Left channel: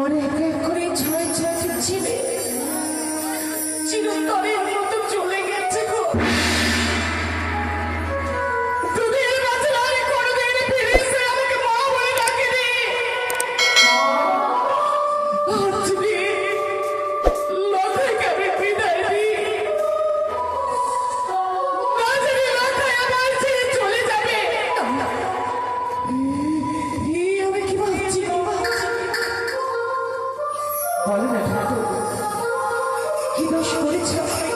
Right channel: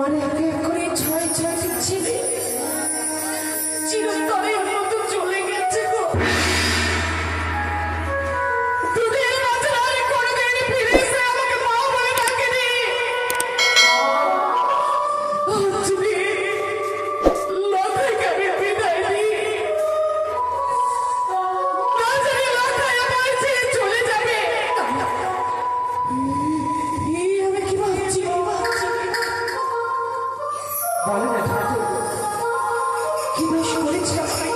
আমার একে করে ছয় ছয় ছেলে চিরতরে মতো চলে গেছে গো। দুদিন মাঝে আর কোনোদিন ফিরে এসে আমাকে মা বলে ডাকেনি। অঞ্জলি মাথায় আমি বিদায় দিই, না জানি মাথায় আমার ছেড়ে চলে যাবে। আমি কি ভাবছি বলো না ঠাকুর, কি দোষ করেছে আমি?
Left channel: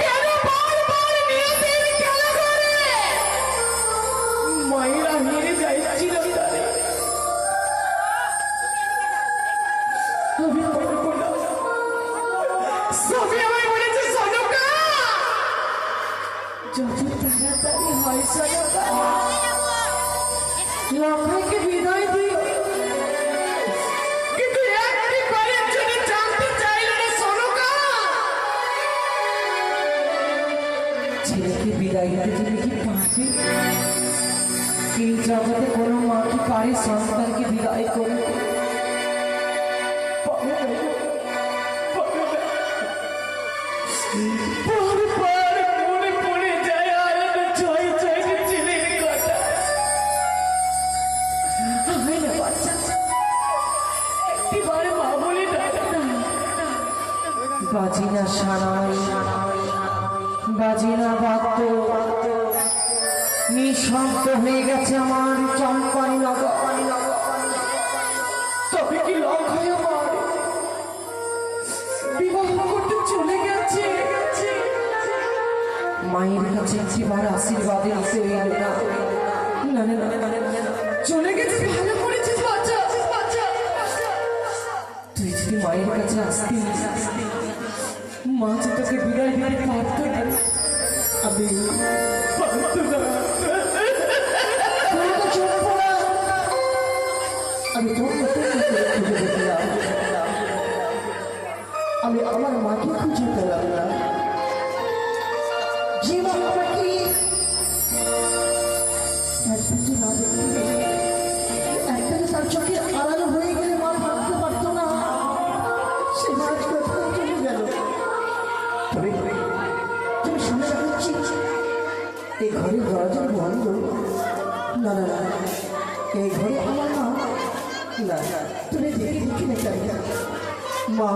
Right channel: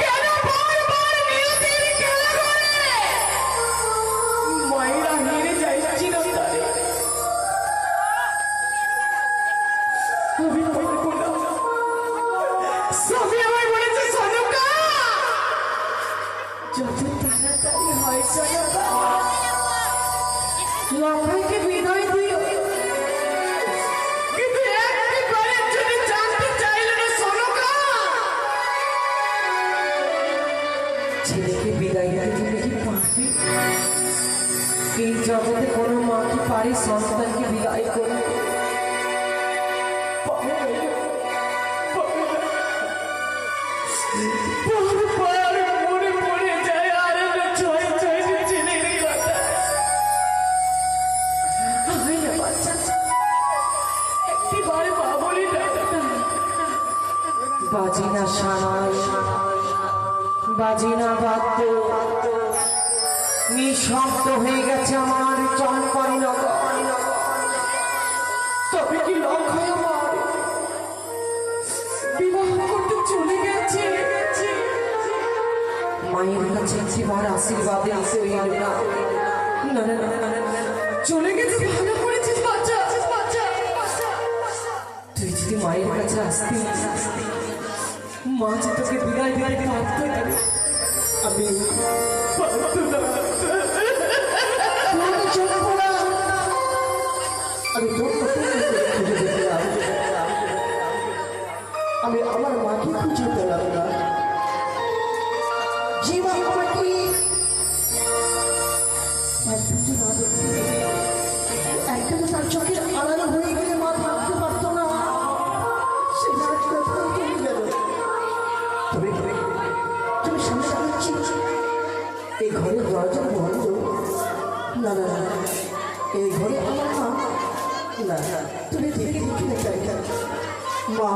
কেন বারবার নিয়তির খেলা করে ময়রা হেরে যায় চিরতরে? আমি বলবো না, সবই আমায় বলেছে সনকা, যত তাড়াতাড়ি হয় সনকা লক্ষ্যকে বিদায় দিও। কিন্তু একটি বারের জন্য জানতে চাইল না সনকা, ছেলেকে বিদায় দিতে তুমি কি পারবে? এই জগতে কোনো মা কি পারে সন্তানকে বিদায় করতে? বারবার মনে পড়ে যায় আর ছয় ছয় ছেলের কথা। আমি না বাচ্চা একটিবার মা বলে ডাকতাম, বাজি না সানাই, বাজি না বাদ্য, নিঃশব্দ হয়ে গেছে আমার চম্পাই নগর। তবে কি লক্ষ্য আমার বিবাহ করতে চলে গেছে? মায়ের কাছে একবার আশীর্বাদে আসে এলো না। না না না, চলে গেছে, ভালো করেছিস বাচ্চা। তুই যদি মায়ের কাছে আসতি, মা যে তোকে বিদায় দিতে পারতো, আমি পারতো না। আমি তোর খুঁজে দেখলাম, আমি আমার মাকে খুঁজে পেলাম না। যে মা আমাকে একদিন না দেখতে, একটা তার চোখে আলাদা হয়ে গেলে মা ভাবতে পারতো না, সে মাছ কোথায় চলে গেল। তবে তুমি শুনে রাখছিস এই ঘরের দরজা বন্ধ? না না না, এই ঘরে আমার মা না। তুমি দেখে দেখে দেখাই মা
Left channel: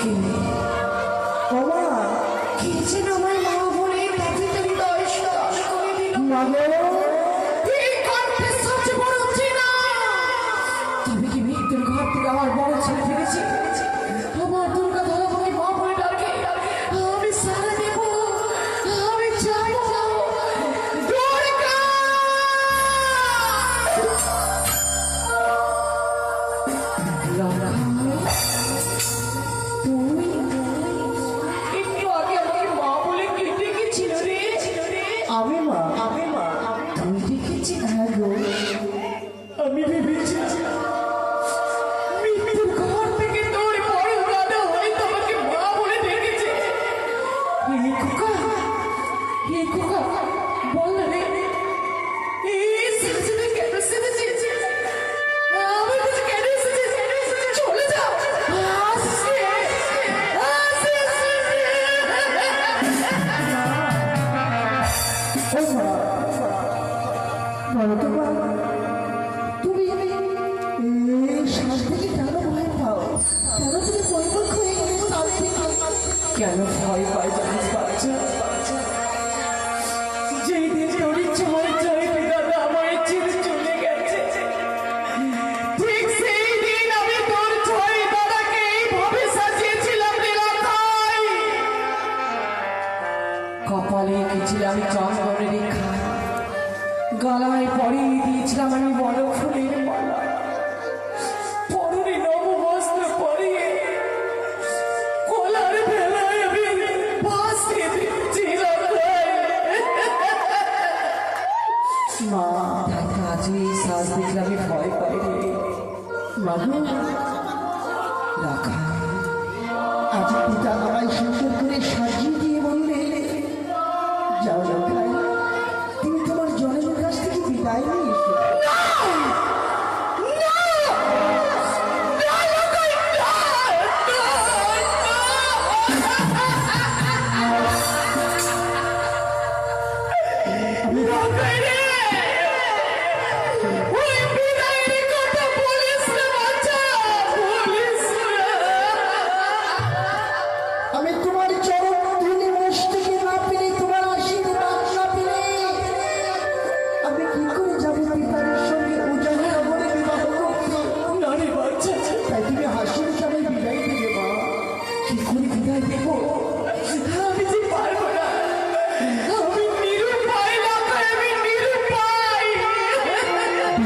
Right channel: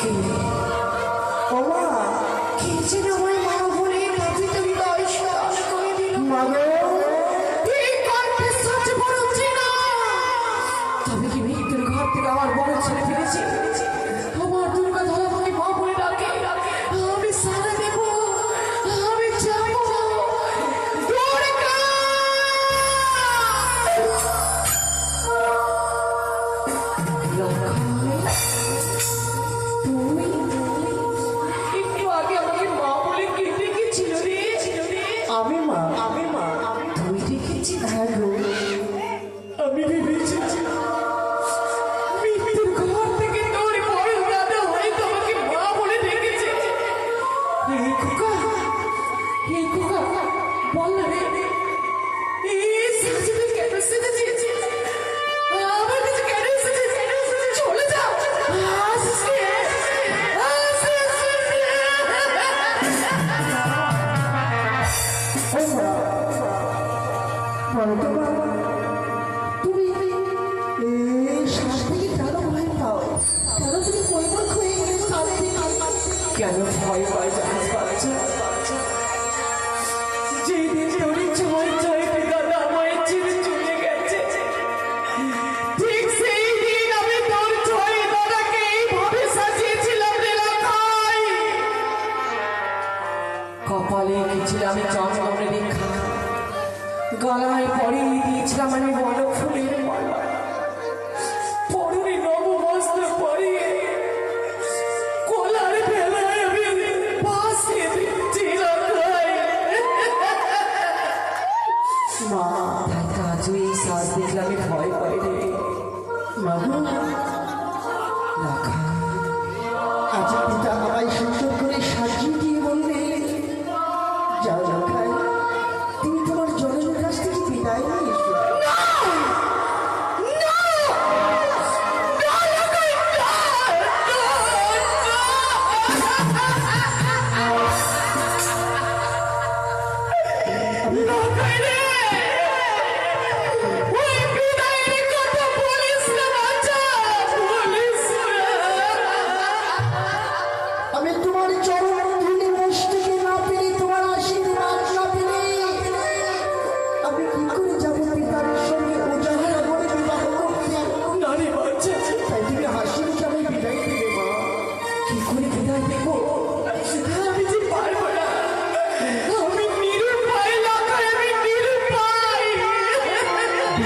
কে? ও মা কে ছিল আমার মা বলে কাছে তুমি নমস্কার করে দিল। তবে কি মৃত্যুর ঘর থেকে আমার বড় ছেলে ফিরেছি? আমার দুর্গা ধরা আমাকে মা বলে ডাকে, আমি সারা দেব, আমি যাবো। একটু আগে আমাকে মা বলে কেটে গেছিল রে। আমি মা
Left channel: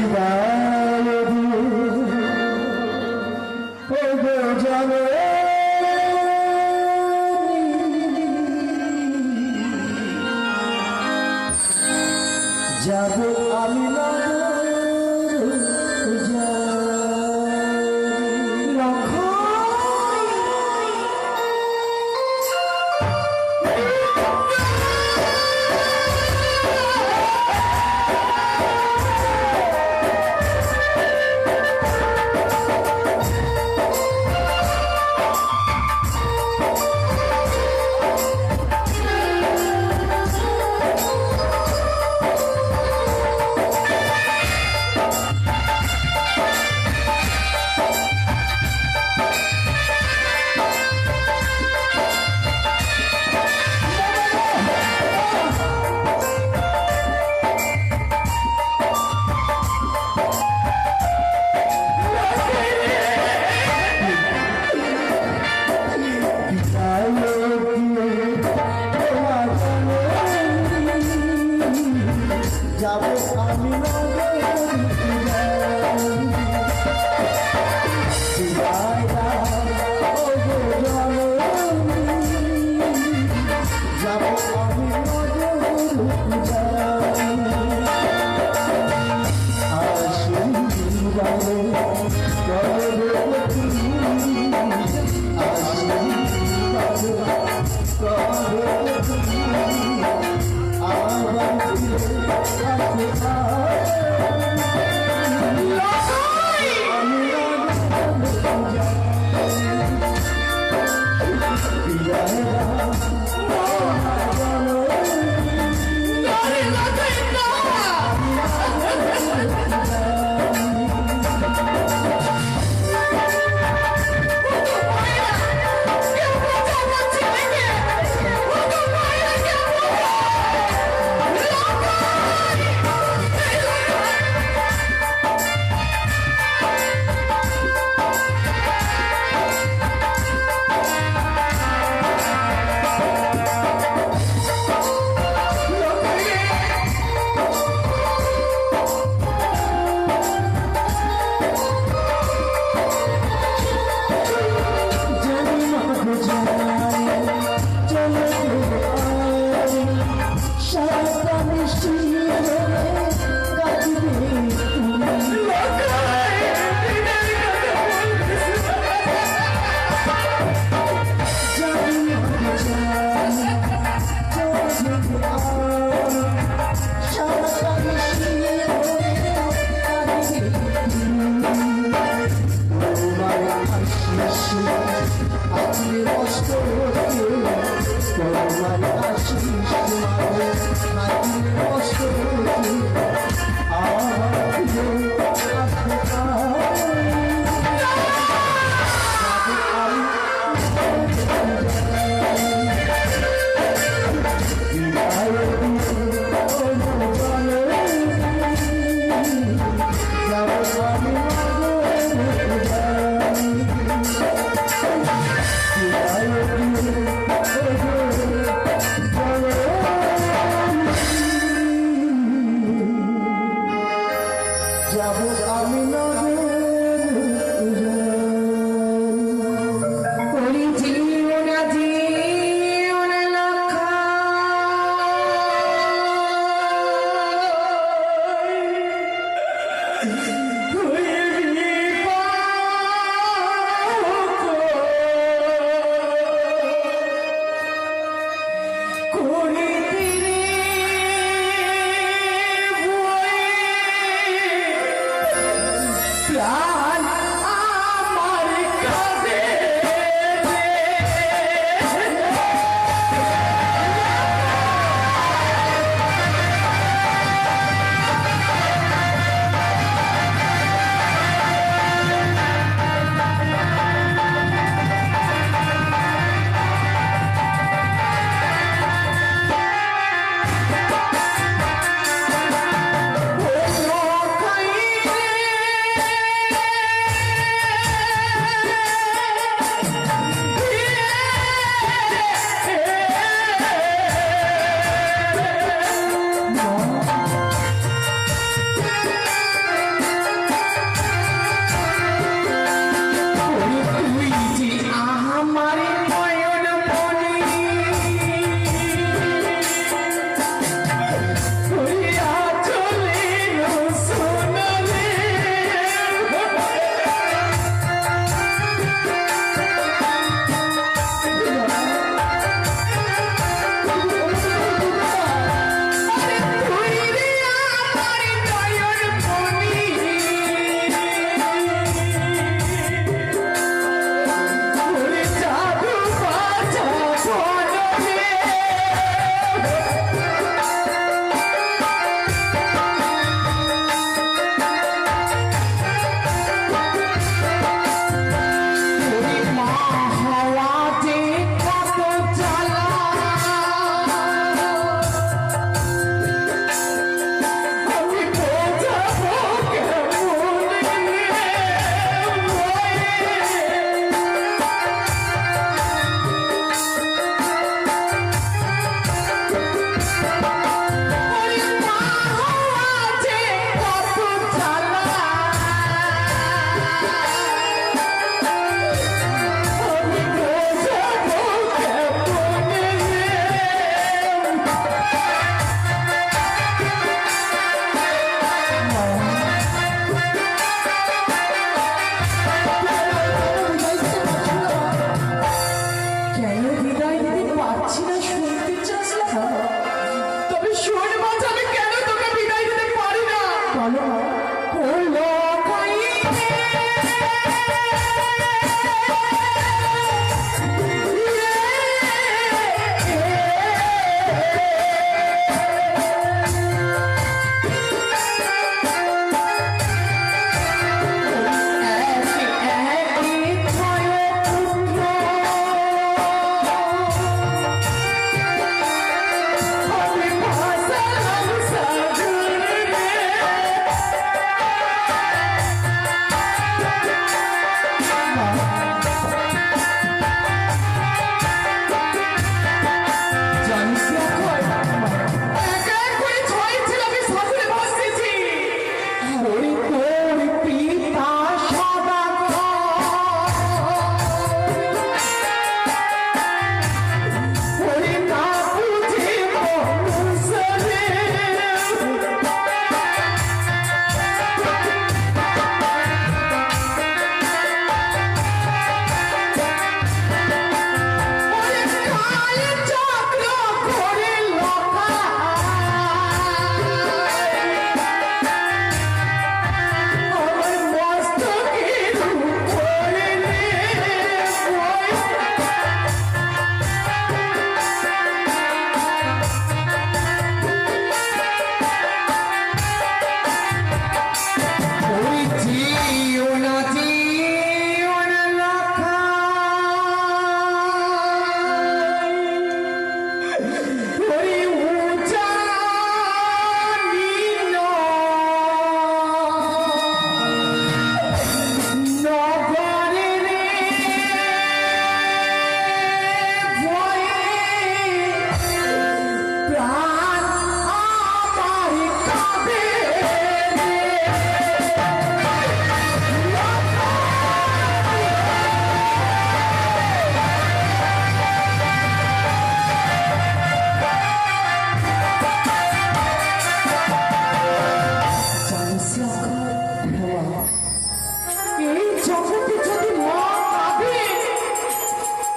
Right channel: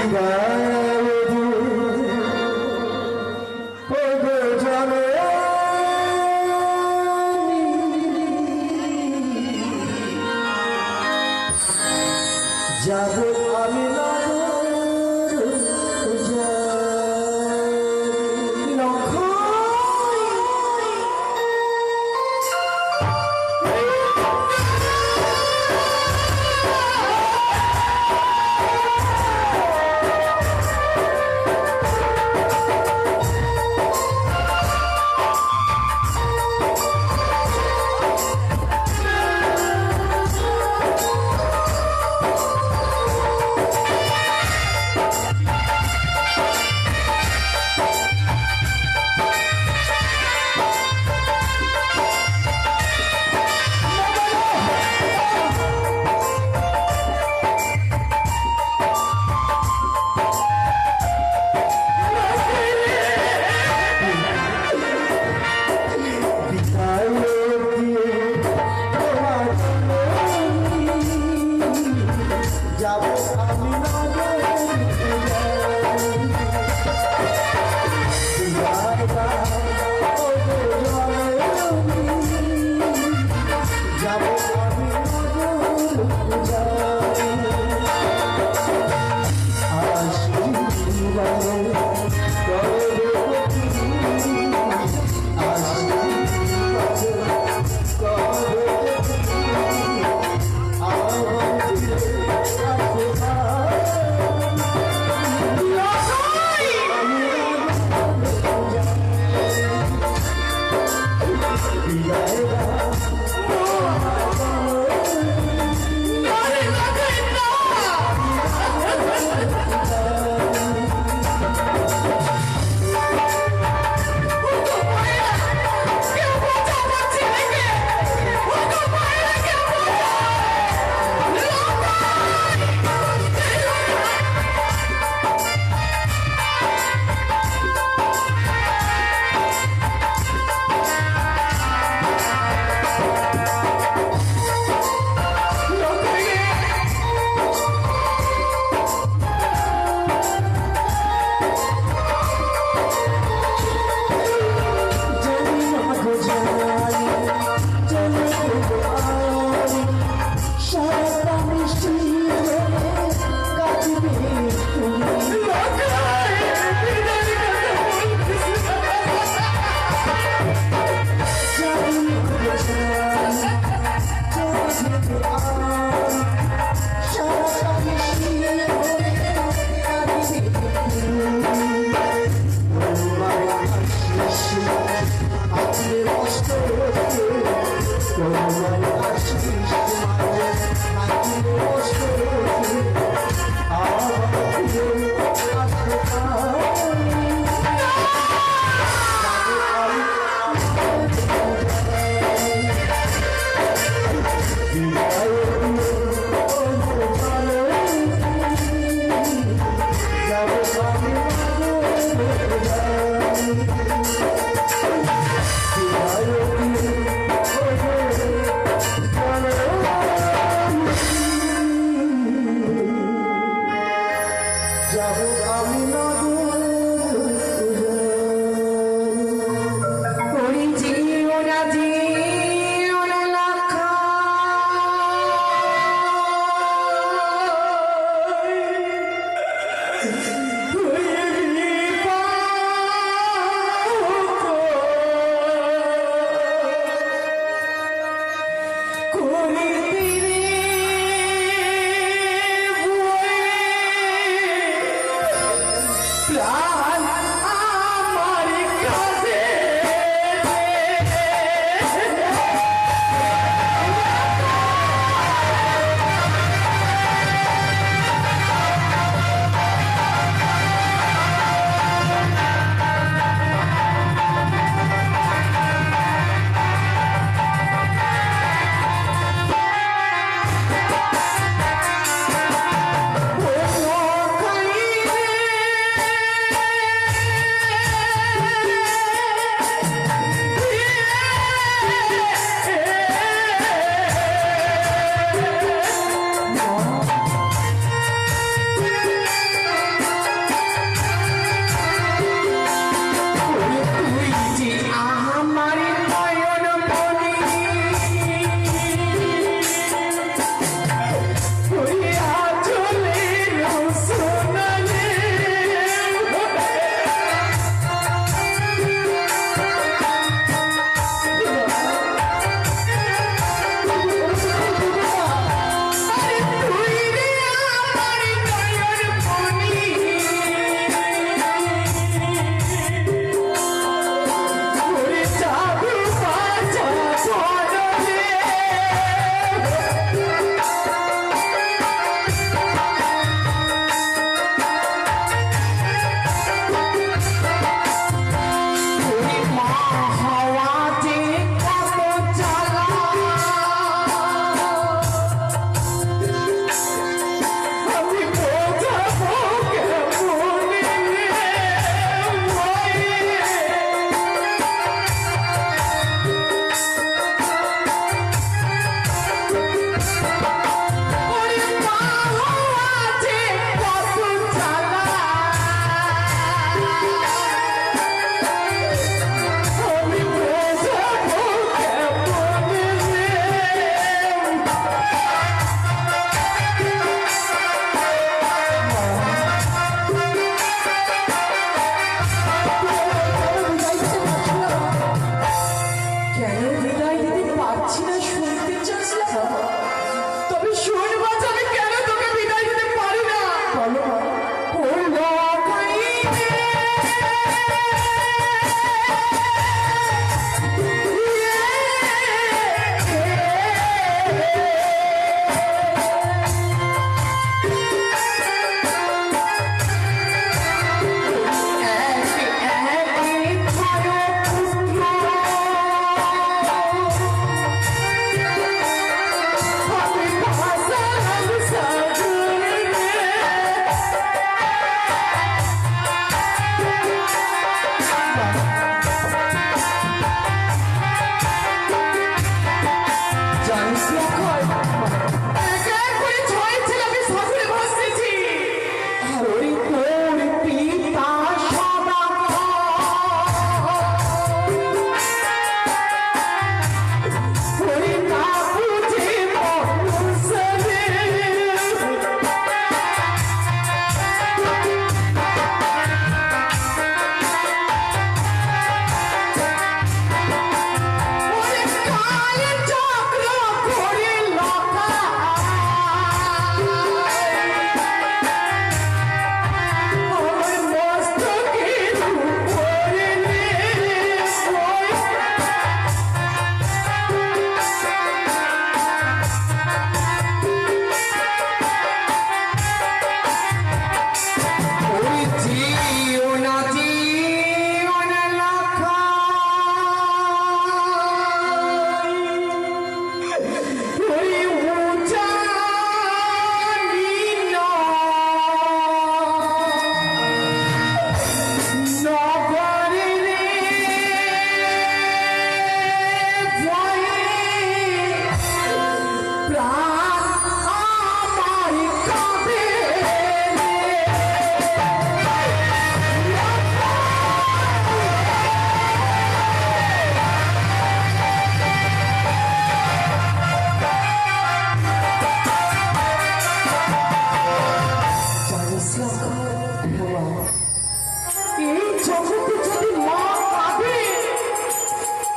বিদায় ও গো জানো যাব আমি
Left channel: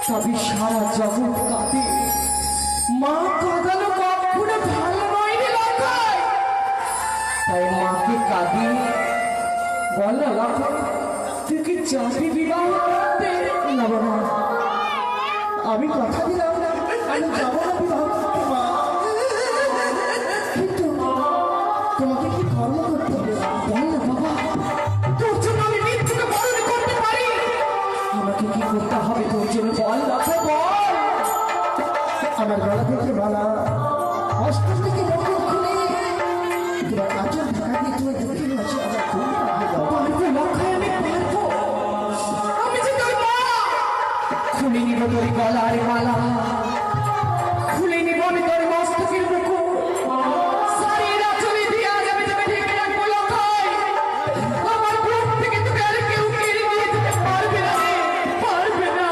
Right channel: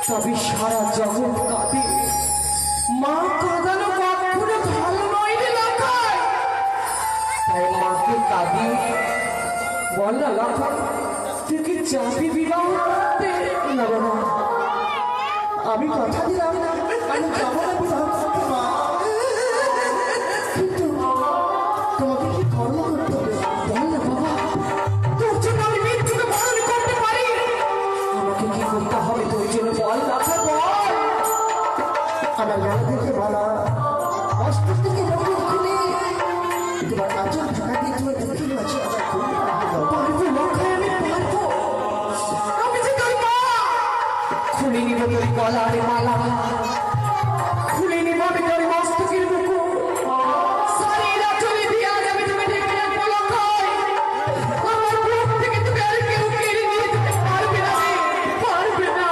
তবে সারা জগৎ কাঁপে। মা কাঁদানো কখনো ভালো নয় রে লাখাই, তাই মাকে কাঁদি। বল না লাখাই, তুই কি চাবি বিবাহ করতে? না বাবা, আমি কথা দিলাম আমি যাবো না বিবাহ করতে মা, কিন্তু তোমাকে কি কর্ম করতে হবে বল না বাবা। তোর জন্য আমি মৃত্যুকে পালন করতে পারি, আমাকে কি করতে হবে তোর জন্য বল লাখা বল। আমার গলা থেকে বলা অস্ত্র থেকে বন্ধ খুলে তোমার আচল ঢাকা দিয়ে তোমার দক্ষিণ আছে আমার খুব পারবো লক্ষ্য আমি পারবো, আমি যে তোর মা। খুলে নিব তোর গলার মালা, খুলে নিব আমি তোর মস্তকের মুকুট, সারিয়ে চলে দিয়ে আজ আমি তুমি ঢেকে রাখবো লক্ষ্য। আমার বুক থেকে তুমি আর কেউ কেড়ে নিয়ে যেতে পারবে না, পারবে না।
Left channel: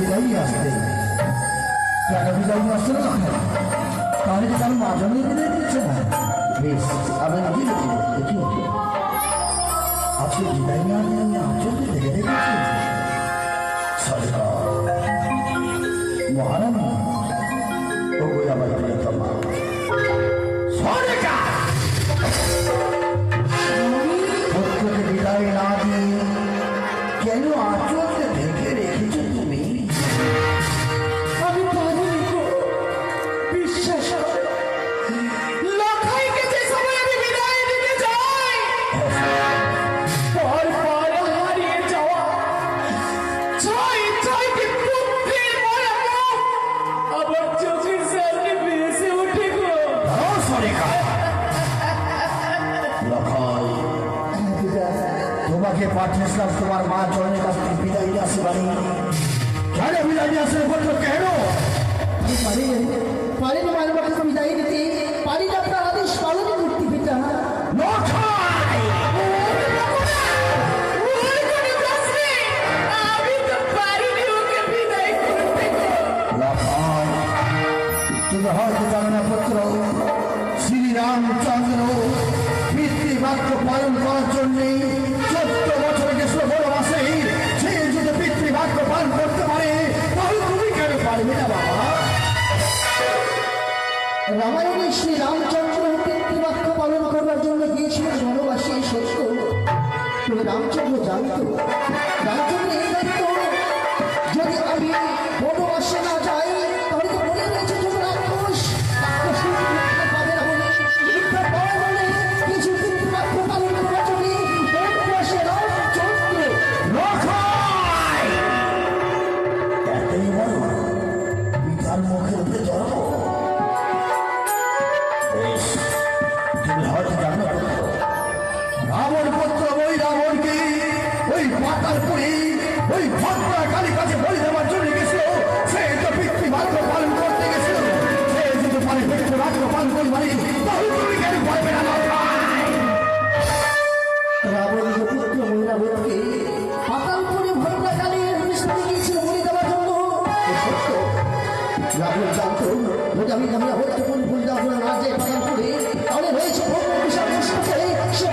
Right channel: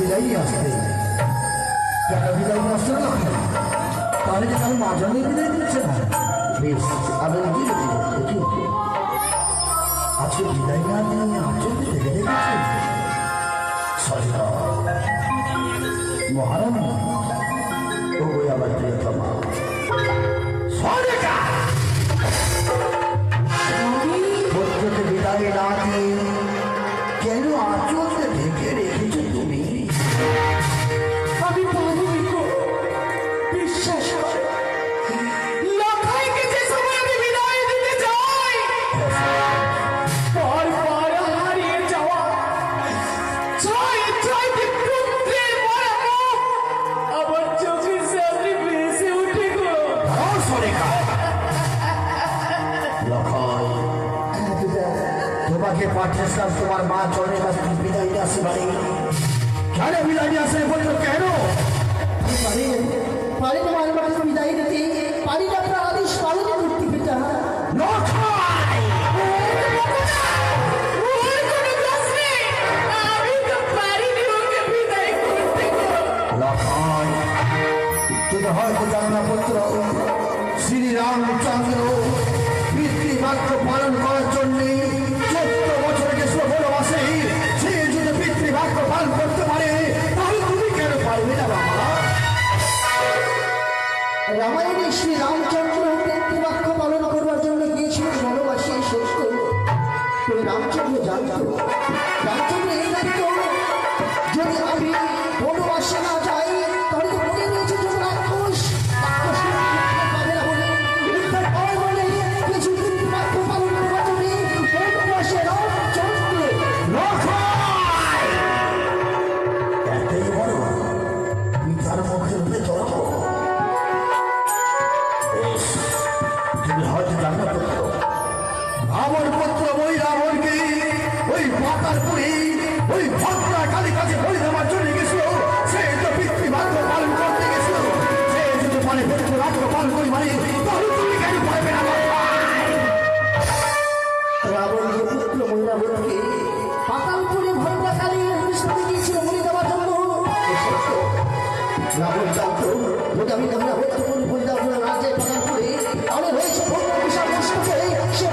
বিদায়ী আসতে বিদায়ী আসছে না, তাহলে কি তার মাঝনে বিদায় দিচ্ছে না? বেশ, আমি দিয়ে দেবো। আজকে বিদায় না নিয়ে আচরণে রেখে দেখেছি মহারাম ও আমার প্রিয়তমা পুত্রকে বিদায় না দিয়ে কেন আচরণে ঢেকে রেখেছো তুমি? আমি পারিনি গো, বিশ্বাস লখাইকে যে সময় আমি বিদায় দিতে যাই, পর পর হারিয়ে যাওয়া ছয় ছয়টি পুত্রের মরা আবার চোখের সামনে ভেসে উঠে গো। তোমাকে পাঠিয়েছিলাম তোমার মা চরণের কাছ থেকে বিদায় নিয়ে আসে, মানে কেন বিদায় নিয়ে আসে বললো? কেন পারি তোমার কাছে বিদায় দিতে পারি না, আপনার আদেশ পালন করতে পিতা। তুমি হয়তো জানো না পুত্র, শ্রীরামচন্দ্র পিতৃবাক্য পালন করার জন্য 14 বছর গেছিল বনবাসে। সে যদি পিতৃবাক্য পালন করতে পারে তাহলে তুমি কেন পারবে না বাবা? রামায়ণে শ্রীরামচন্দ্র পিতৃবাক্য পালন করবার জন্য গিয়েছিলেন বনবাসী, সত্য। কিন্তু রামচন্দ্র জানত রামচন্দ্র এই দায়িত্ব যদি আমি বনবাসে না যাই তাহলে তো মনে রয়েছে যখন রাক্ষস পাবে না বলে উদ্ধার পাওয়া বলে কিছু পিতৃবাক্য পালনের বচনে বনবাসে রামচন্দ্র এতই বড় পিতার মুখের ভেতর। তুমি হয়তো জানো রাবণ পুত্র ওই রাবণকে ওই পাতালপুরে ওই ভক্তা কালী কাছে বলে দেওয়ার জন্য গেছিল। সে তো পিতৃবাক্য পালন করতে গেছিল, সে যদি পারে পিতৃবাক্য পালন করি মানে তাহলে তুমি কেন পারবে না? রাবণের পুত্র মহিলাবতকে পাতালপুরে ভক্তা কালী সাথে গিয়েছিল বলে দেওয়ার জন্য। রাবণ জানত যদি আমি মহিলাবতকে বলে দেওয়ার জন্য না যাই পাতালপুরে তাহলে হয়েছে বিশাল কৃষ্ণকে সে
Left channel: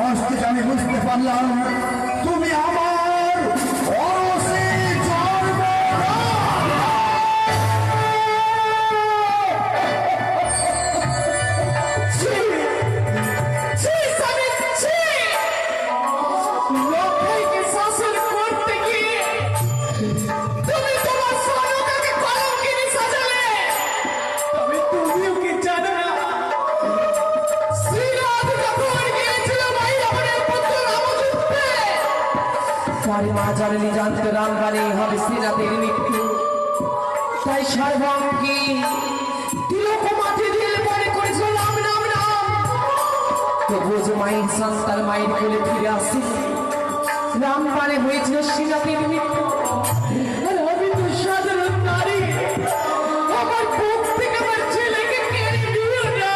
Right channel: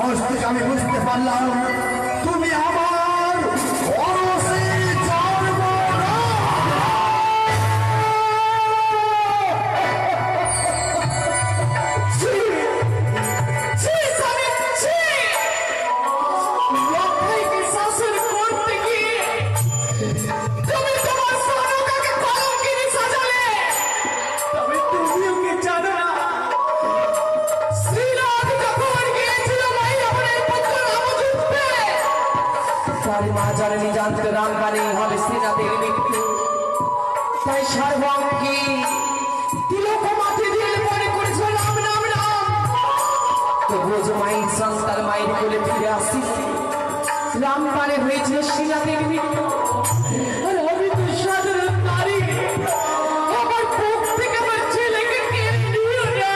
আজ থেকে আমি বুঝতে পারলাম তুমি আমার অরসে জন্ম। জননী জানত রামবাণী হবে শ্রীনাথের মৃত্যু, তাই সার্বঙ্গী তিলক মাঠে দিয়ে মনে করেছিল রাম রাম রাম। তবুও যে মায়ের সন্তান মায়ের কোলে ফিরে আসছিল, রামবাণী হয়েছিল শ্রীনাথের মৃত্যু। আর আমি তো সাধারণ নারী, আমার বুক থেকে আমার ছেলেকে কেড়ে নিও না,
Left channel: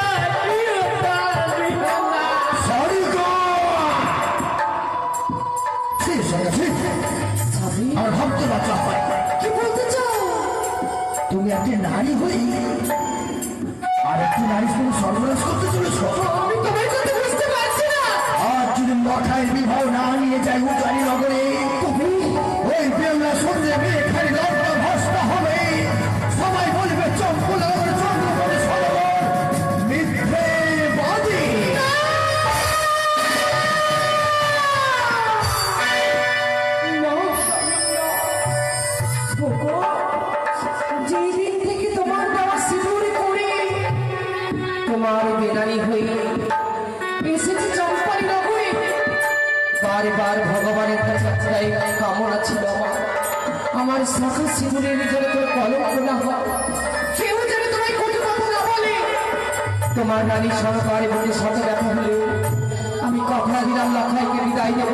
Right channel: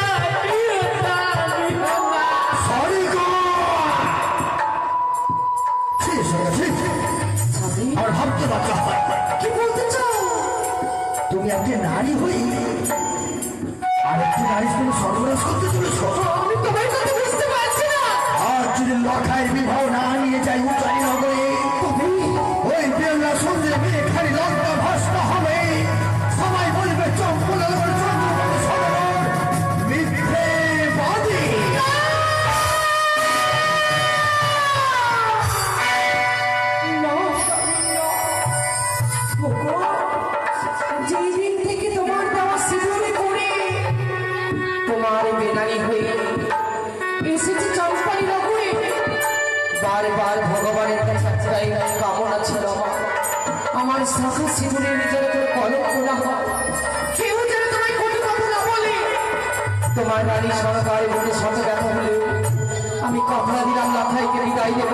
নিও না, নিও না। সরি গো, আমার ভাবতে বাচ্চা হয়। কি বলতে চাও? তুমি একটি নারী হই আর একটি নারী তুমি সর্বনাশ করতে চলেছ। আমি তোমার কথা বুঝতে পারছি না। আর যদি লখায় বিবাহ না নিয়ে যাই উচ্চারি নগরে, তবে ওই বেলা সন্ধ্যে মেয়েখানি লঙ্কা ভস্তা হবে। সবাই বলবে চম্পলার চন্দ্রবনে সরোবর মিথ্যে বাদী। যেদিন থেকে তোমার দেওয়া সিঁদুরে করে তোমার বেনানি হয়ে এসেছি চম্পাই নগরে, বারবার ভগবানের কাছে একটাই কামনা ছিল আমার শাখা সিঁদুরে নিজের করে কলঙ্ক না হয়, কেউ যেন তোমায় কটু কথা না বলে। তোমার রানী সরকার মনে সাথে দেখা হলেও আমি কথা দিলাম লাখাইকে বিদায় দেব,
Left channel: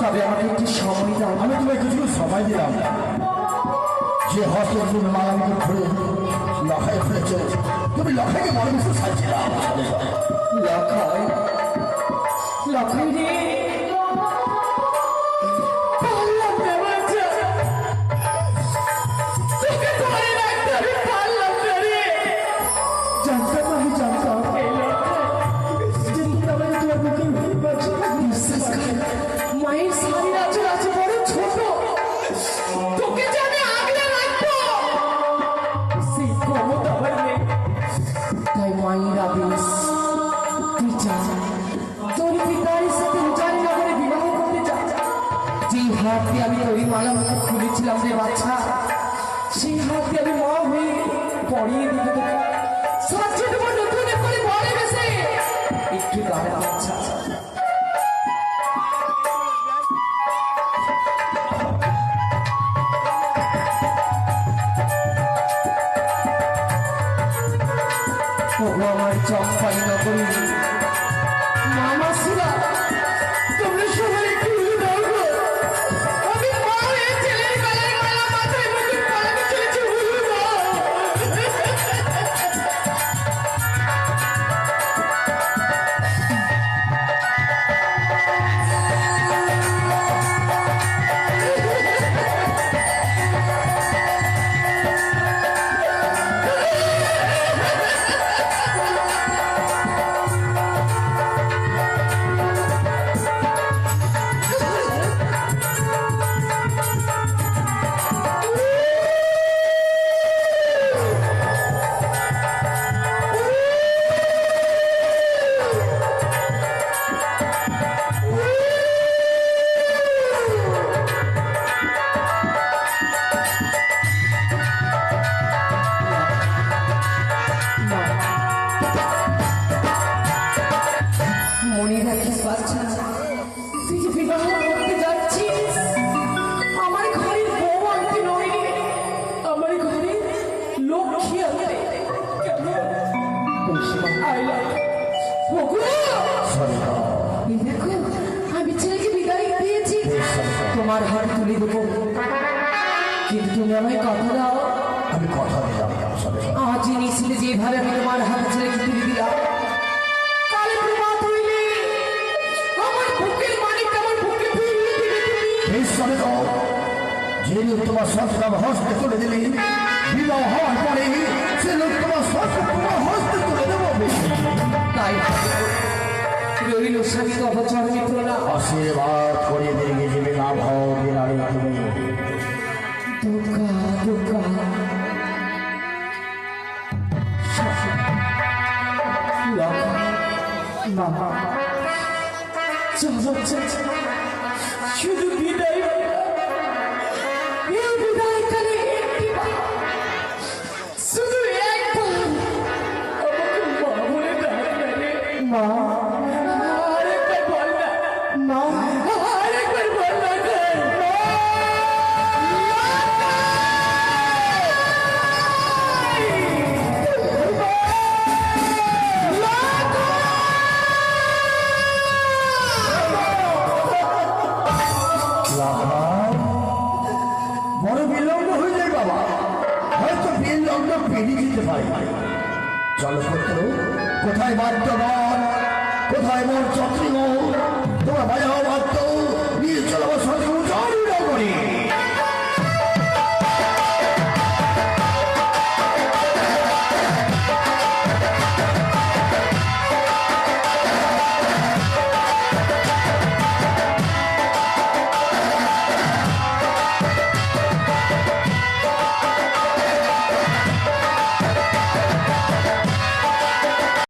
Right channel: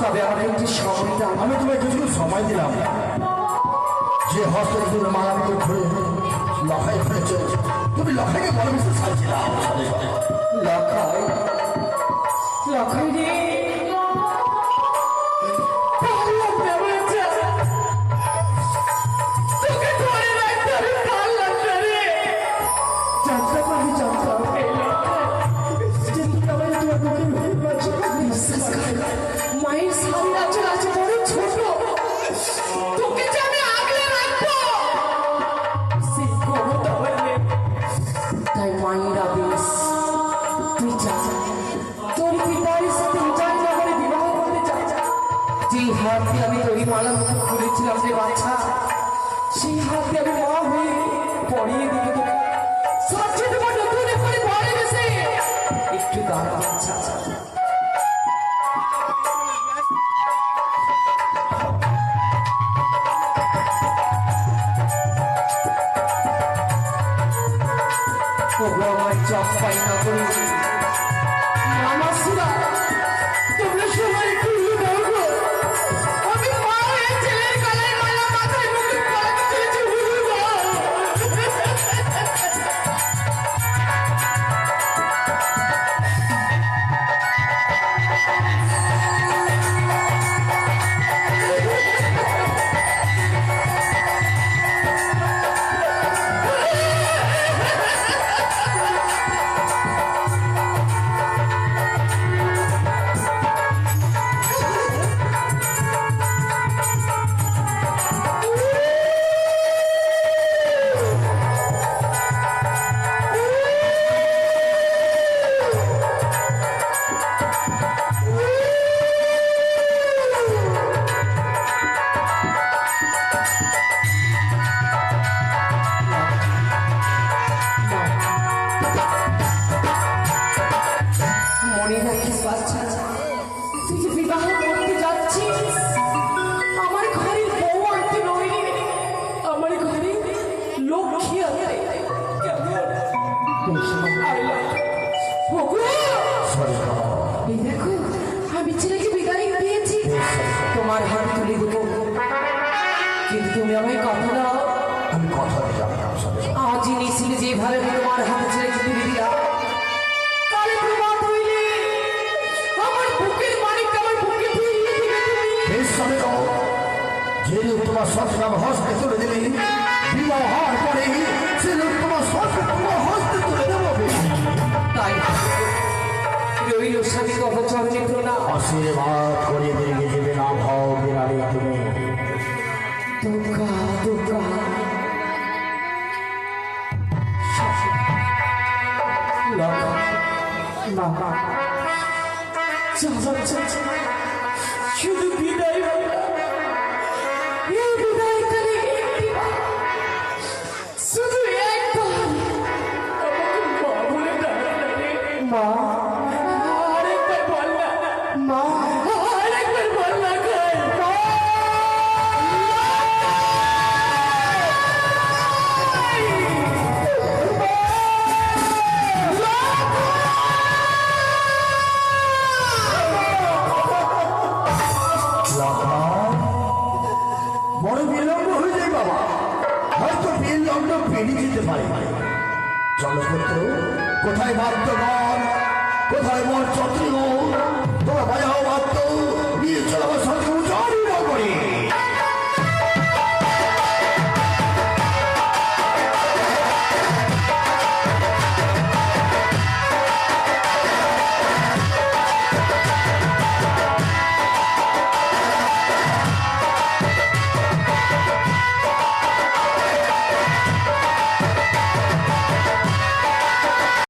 তবে আমাকে একটু সময় দাও। আমি তোমায় কিছু সময় দিলাম। যে হস্তের জন্য মালাম করে ধরে লখায় ফেলেছে, তুমি লখাইকে ভালোবেসে ছাড়ছিলাম। লখাই, লখাই রে, পারলাম না বাচ্চা, তোকে ধরে রাখতে আমি পারলাম না রে। জানতাম, আমি জানতাম এই লখাই যে তুমি আমার তোমার বুকের ভেতর বাঁচবে। বিশ্বাস করে মায়ের সামনে আছে বড় ছোট, তোকে যে আমি আগলে রাখবো সেই ক্ষমতা আমার নেই। তাই মায়ের আদেশ, তুই যা, তোর পিতার সাথে উজাননগরে বিবাহ করতে যা। যেই হাত দিয়ে আমি ওই মালা মুখ খুলেছিলাম রে বাচ্চা, সেই হাত দিয়ে আমি মা হয়ে পড়িয়ে দিতে তোকে সাজিয়ে দেবো নতুন করে বাড়ি বেসে। একটু দাঁড়া বাচ্চা, আমার চম্পাই নগরী মামাসিরা, তোমরা সবাই একটু উলু দাও গো। আমি মা হয়ে ছেলের গলায় মালা, মাথায় মুকুট পরাতে চলেছি, উলু দাও। মনে রাখিস বাচ্চা, তুই যে বিবাহ করতে যাচ্ছিস, আমার ঘরের বউ আনতে নয় রে, আমার ঘরে লক্ষ্মী আনতে। এই দেখো, আমি ছেলেকে বিদায় দিয়েছি, তোমার হাত তুলে দেবো, কিন্তু তুমি আমায় কথা দাও। আমি কথা দিলাম, আজই নিছিলে যেভাবে আমি তোমার হাতে ছেলেকে তুলে দিলাম, কালে প্রভাত হইলে আমার বুকের মানিকটা আমার বুকে ফিরিয়ে দিবে তুমি। যে লোক তোমার সন্তান হস্তে তুলে দিলে, বিবাহ হওয়ার পরে সে লোক তোমার সন্তান তোমার হস্তে তুলে দেবো। তাই রইল স্বামী অবচর যন্ত্রণা। আশীর্বাদ করে বেরিয়ে দেবে না ভাও বিনারে তুমি। দুর্গা দুর্গা বাবা, শুধু বিদায়, এই বিদায়কালে শুধু একবার আমাকে মা বলে ডাকে না রে। মা, আরেকবার বল না। মা, আরেকবার বল না। চলো পুত্র, কোথায় বাদ্যবান, কোথায় মোর চক্রীগণ, তোমরা বাজাও বাদ্য, নিয়ে চলো আমার সাথে উজাড়ি নগরে।